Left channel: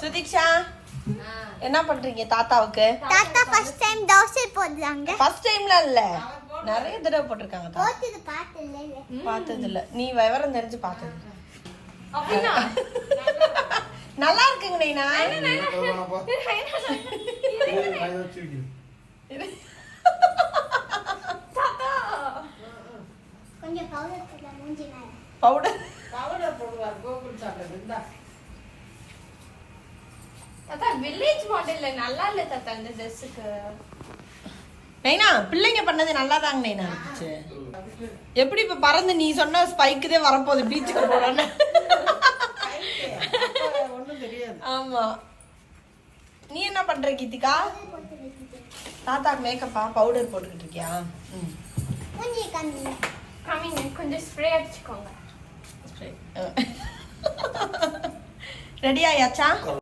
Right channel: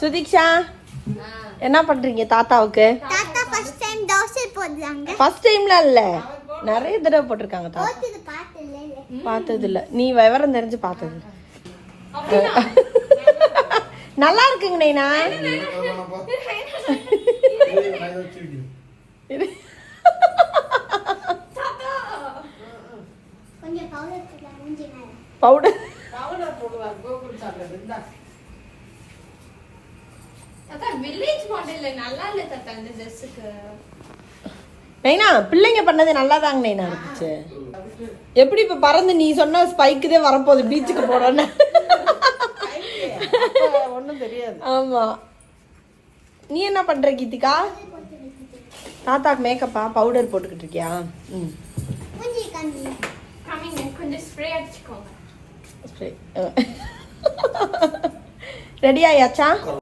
சுதீக்ஷா என்ன பண்றீங்க தாத்தாவுக்கு? தாத்தா ஃபர்ஸ்ட் டைம் தோசை போடுறாங்க. ஃபர்ஸ்ட் டைம்ல இல்ல, நிறைய தடவை போட்டிருக்காங்க. பார்த்தது இல்ல, நீ விவரம் தெரிஞ்சு பார்த்தது. நல்லா இருக்குங்க நைனா. கொஞ்சம் பவுடர் போடலாம் மூஞ்சி மேல. பவுடர் போடுவார் கோகுல் சாப்பிடுறா. தாத்தா வில்லேஜ் மாடல்ல நல்லா இல்ல தாத்தா இந்த Dressக்கு. நைனா பிள்ளைங்க பண்ணது நல்லா தாங்க நைனா இருந்துச்சு. எப்படி இப்ப பறந்து நீ சொன்ன ஸ்பைக்குதே வரப்போகுது பீச்சுக்கு போறேன்னு. ஒண்ணும் தெரியாது. ஆமா. நீ என்ன பண்ற கீதிகா? தாத்தாக்கு மேக்கப்பா பவுடர் போட்டுக்கிட்டு இருக்கியா? மூஞ்சி காமி. கமிங் கொஞ்சம் ஸ்ப்ரே அடிச்சுக்கோங்க. ரெடி ஆயாச்சா?